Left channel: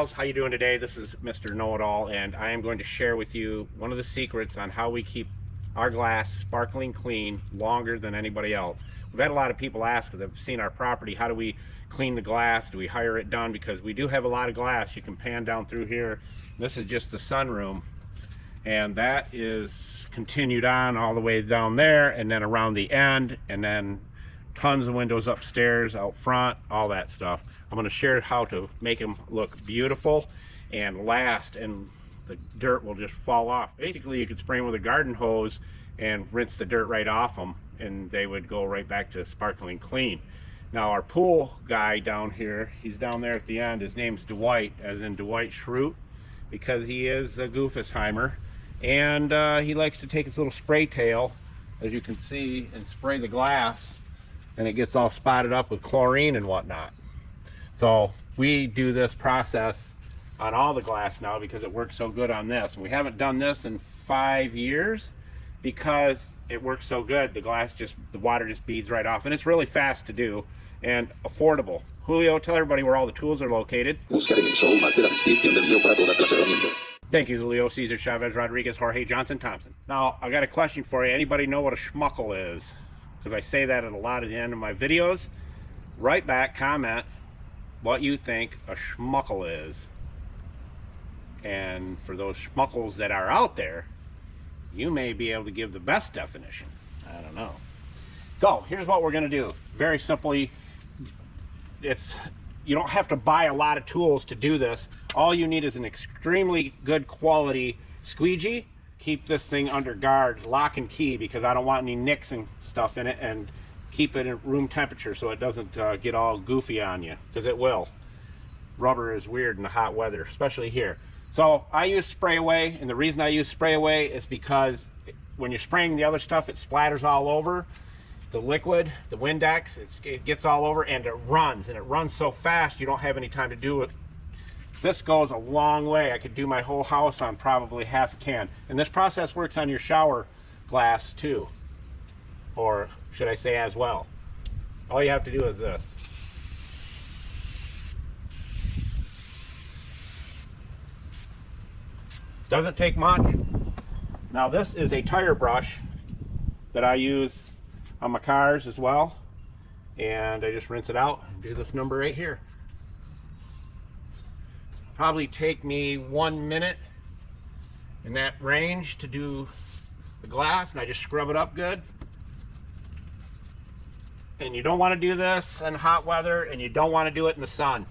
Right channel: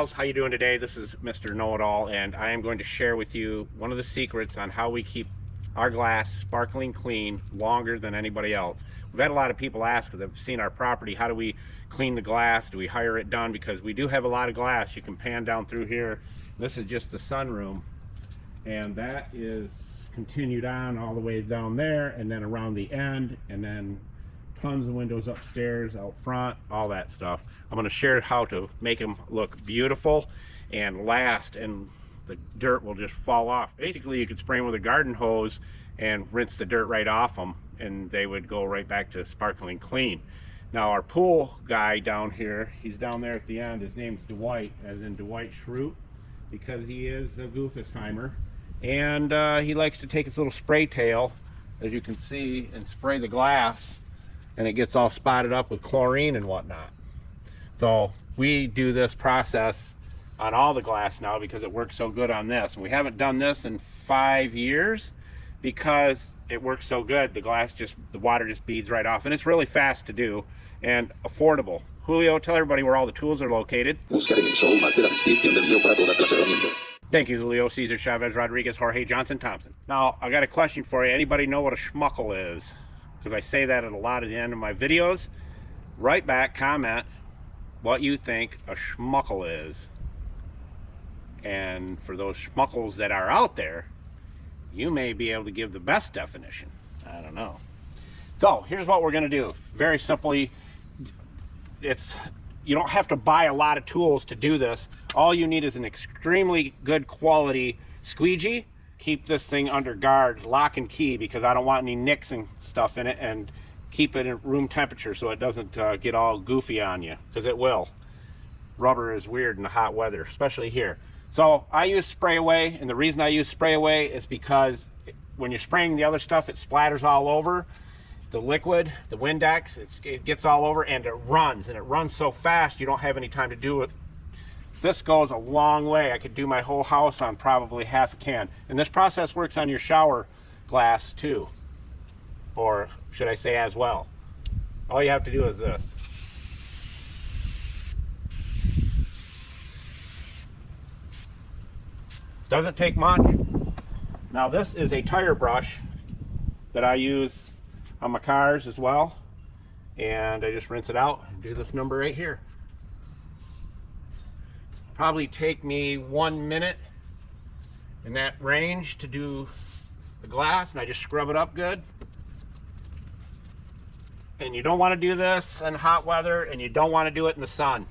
gals, how you doing today? This is Mr. Know-It-All, and I am going to share with you one of the secrets on how we keep our glass sparkling clean longer than anybody else. We've had a lot of people ask, because they've seen our property, how do we clean the glass? Do we hire it done? Because we do have a lot of glass. You can pan down through here. This is just the sunroom, and that is continued on all the way down there, and then around the end, and then tons of windows upstairs, out front, all that stuff. I'm going to share how to make them look beautiful and last, and the dirt will just fall off. Basically, you could spray them with a garden hose and rinse the dirt right off them, and they would go right back to sparkling clean. Now, our pool guy down here, he's down there at the end. His name's Dwight, as in Dwight Schrute, because he is a Goofussheimer, and he likes to take his little spray tail, as you can see, and spray the glass, and it gets all spotted up with chlorine and whatnot. So we do this process on all the glass now because it works so good on this. We haven't done this in 5 years because it works so good. The water just beads right off, and it's really fast to do and affordable. Julio, tell everybody where all the tools are located. Thank you, Julio, Cesar, Chavez, Rodriguez, Jorge, Johnson, Thompson. Now, I got a question for you. Anybody know what a schmuckle is? Because I say that a lot at the end of my videos. Write back, comment what you think a schmuckle is. And for those schmuckles that are out there, you may be able to give the best definition. I don't know. So here's what we're going to do. Very simply, you don't have to buy a lot of tools to do this. All you need is an extremely good quality squeegee. Keep this thing under guard, lock and key, because I don't want any nicks and stuff in it, and keep it at room temperature so it doesn't get all goofy on you, because it will. Rubber is weird in the hot weather, especially here. So I use spray away, and the reason I use spray away is because when you're spraying the other stuff, it splatters all over. The liquid, the Windex, it gets all over, and it runs so fast you don't have any time to do it. This goes a long way. I could do my whole house on probably half a can. And this process works on your shower glass too, or should I say as well. All you have to do is this. Doesn't take much. Now this is a tire brush that I use on my cars as well, and I just rinse it out and do this number right here. Probably take me 1 minute in that range to do the glass, and I just scrub it up good. And you don't want to do this in hot weather, and you don't want to do it in the sun,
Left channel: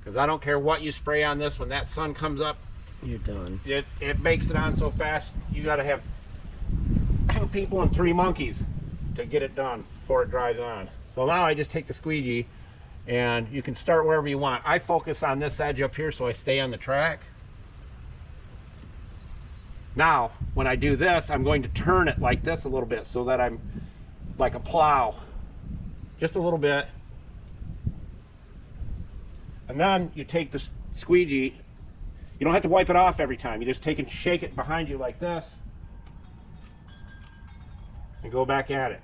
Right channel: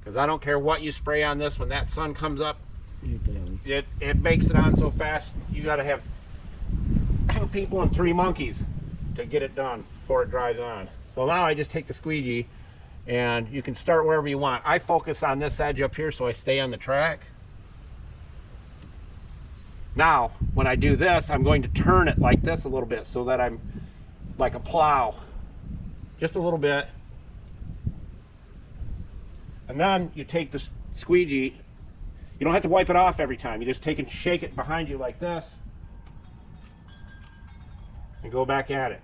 because I don't care what you spray on this, when that sun comes up, you're done. It makes it on so fast, you got to have 2 people and 3 monkeys to get it done before it dries on. So now I just take the squeegee, and you can start wherever you want. I focus on this edge up here so I stay on the track. Now, when I do this, I'm going to turn it like this a little bit so that I'm like a plow. Just a little bit. And then you take the squeegee. You don't have to wipe it off every time. You just take and shake it behind you like this and go back at it.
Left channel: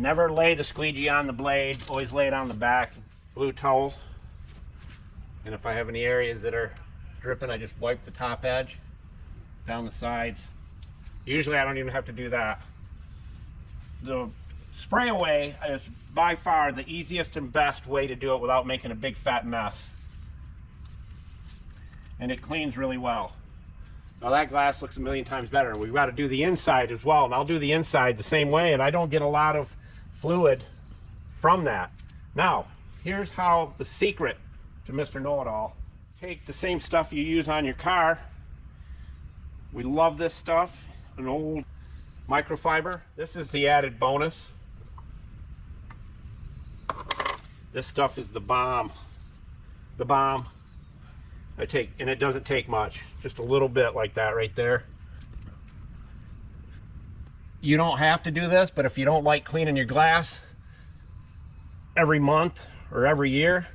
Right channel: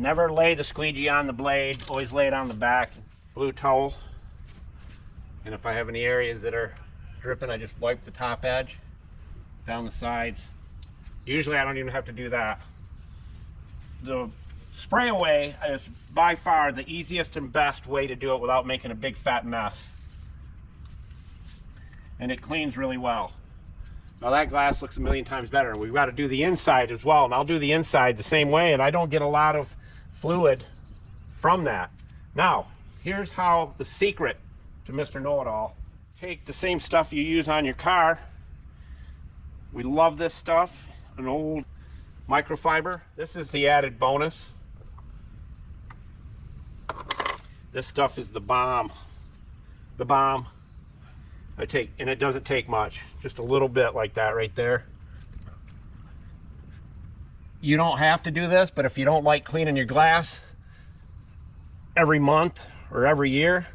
Never lay the squeegee on the blade, always lay it on the back, blue towel. And if I have any areas that are dripping, I just wipe the top edge, down the sides. Usually I don't even have to do that. The spray away is by far the easiest and best way to do it without making a big fat mess. And it cleans really well. Now that glass looks a million times better. We've got to do the inside as well, and I'll do the inside the same way, and I don't get a lot of fluid from that. Now, here's how the secret to Mr. Know-It-All. Take the same stuff you use on your car. We love this stuff, an old microfiber. This is the added bonus. This stuff is the bomb. The bomb. And it doesn't take much. Just a little bit like that right there. You don't have to do this, but if you don't like cleaning your glass every month or every year,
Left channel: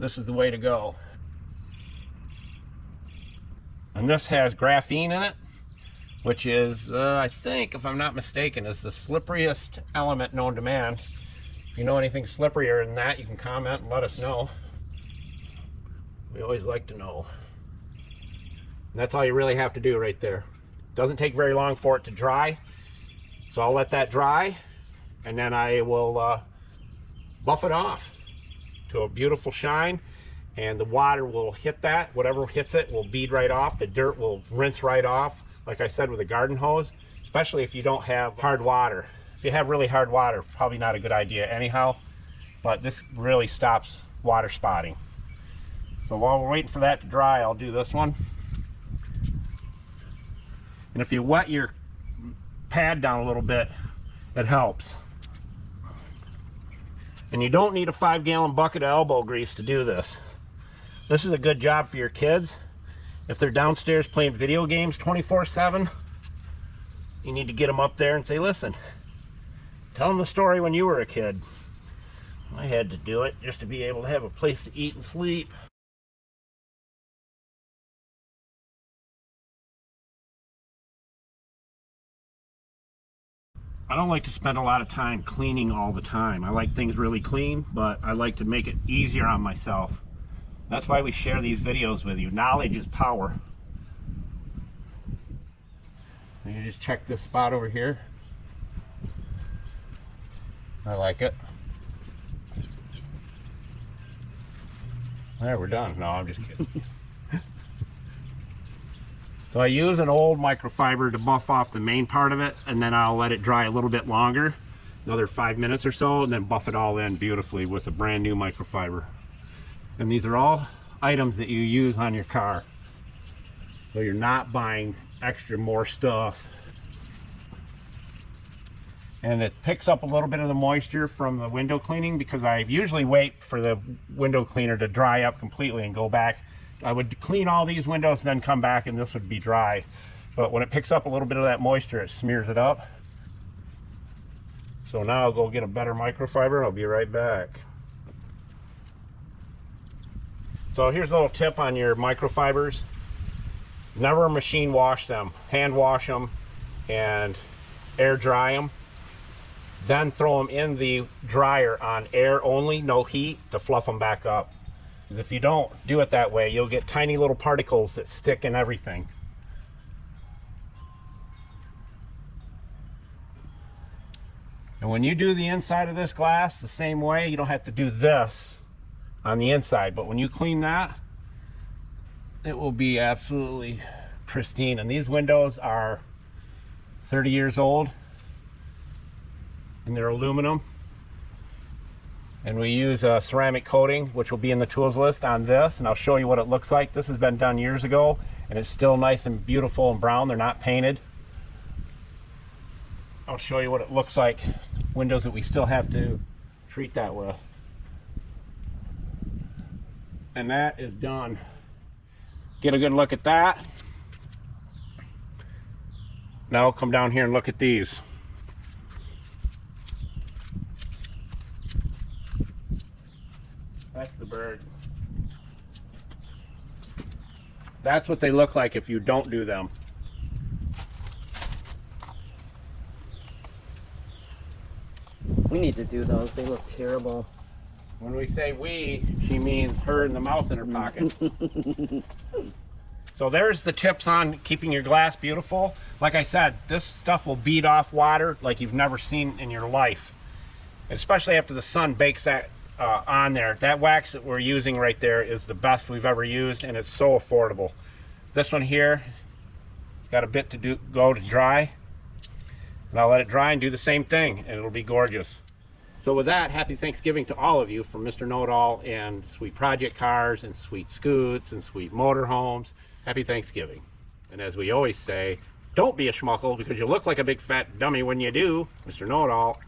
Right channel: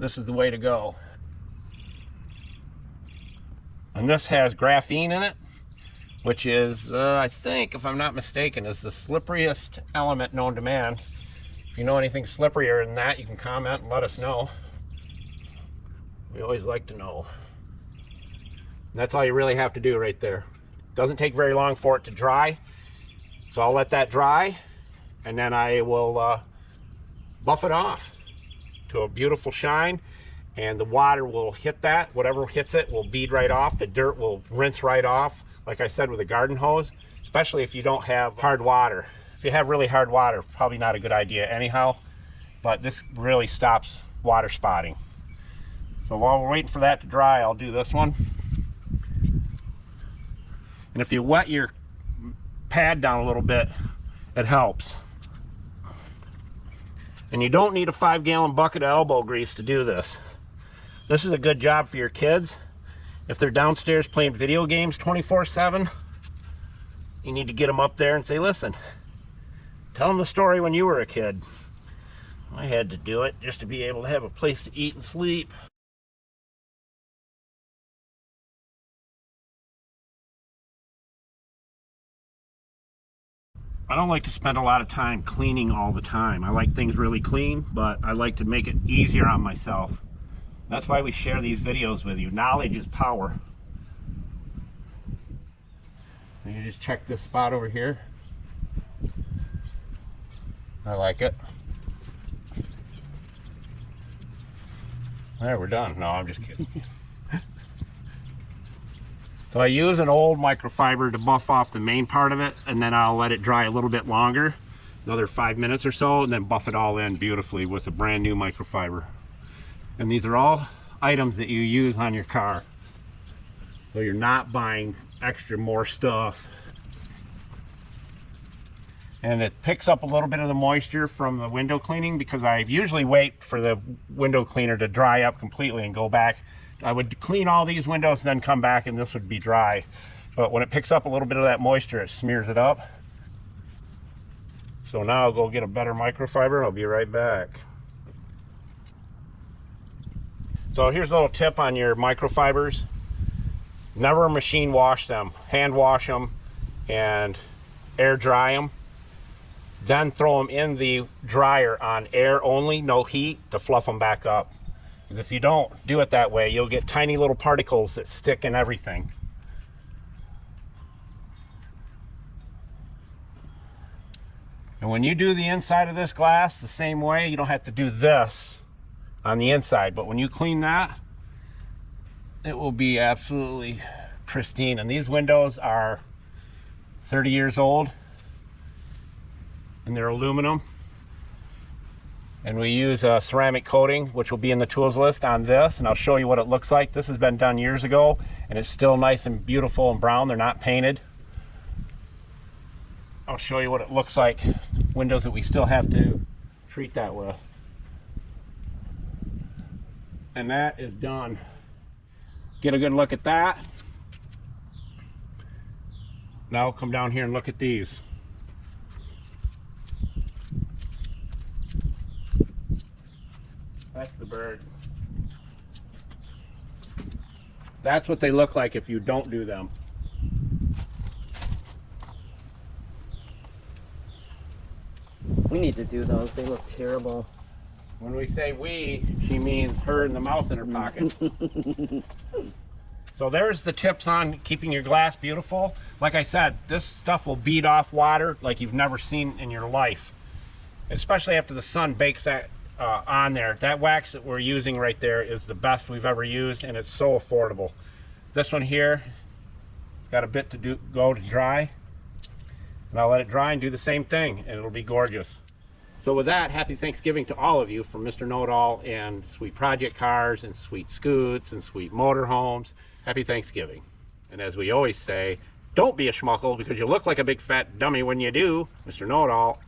this is the way to go. And this has graphene in it, which is, I think, if I'm not mistaken, is the slipperiest element known to man. If you know anything slipperier than that, you can comment and let us know. We always like to know. And that's all you really have to do right there. Doesn't take very long for it to dry. So I'll let that dry, and then I will buff it off to a beautiful shine, and the water will hit that. Whatever hits it will bead right off. The dirt will rinse right off, like I said, with a garden hose, especially if you don't have hard water. If you have really hard water, probably not a good idea anyhow, but this really stops water spotting. So while we're waiting for that to dry, I'll do this one. And if you wet your pad down a little bit, it helps. And you don't need a 5-gallon bucket of elbow grease to do this. This is a good job for your kids. If they're downstairs playing video games 24/7, you need to get them up there and say, listen, tell them the story when you were a kid. I had to do it just to be able to have a place to eat and sleep. I don't like to spend a lot of time cleaning all the time. I like things really clean, but I like to make it easier on myself. That's why we share these videos with you. Knowledge is power. You just check this spot over here. I like it. There, we're done. No, I'm just kidding. So I use an old microfiber to buff off the main part of it, and then I'll let it dry a little bit longer, another 5 minutes or so, and then buff it all in beautifully with a brand new microfiber. And these are all items that you use on your car, so you're not buying more stuff. And it picks up a little bit of the moisture from the window cleaning, because I usually wait for the window cleaner to dry up completely and go back. I would clean all these windows and then come back and this would be dry. But when it picks up a little bit of that moisture, it smears it up. So now I'll go get a better microfiber. I'll be right back. So here's a little tip on your microfibers. Never machine wash them. Hand wash them and air dry them. Then throw them in the dryer on air only, no heat, to fluff them back up. If you don't do it that way, you'll get tiny little particles that stick in everything. And when you do the inside of this glass the same way, you don't have to do this on the inside. But when you clean that, it will be absolutely pristine. And these windows are 30 years old, and they're aluminum. And we use a ceramic coating, which will be in the tools list on this, and I'll show you what it looks like. This has been done years ago, and it's still nice and beautiful and brown. They're not painted. I'll show you what it looks like, windows that we still have to treat that way. And that is done. Get a good look at that. Now I'll come down here and look at these. That's the bird. That's what they look like if you don't do them. We need to do those. They look terrible. When we say we, she means her and the mouth in her pocket. So there's the tips on keeping your glass beautiful. Like I said, this stuff will bead off water like you've never seen in your life. Especially after the sun bakes that on there. That wax that we're using right there is the best we've ever used, and it's so affordable. This one here, it's got a bit to go to dry. And I'll let it dry and do the same thing, and it'll be gorgeous. So with that, happy Thanksgiving to all of you from Mr. Know-It-All and Sweet Project Cars and Sweet Scoots and Sweet Motorhomes. Happy Thanksgiving. And as we always say, don't be a schmuckle because you look like a big fat dummy when you do. Mr. Know-It-All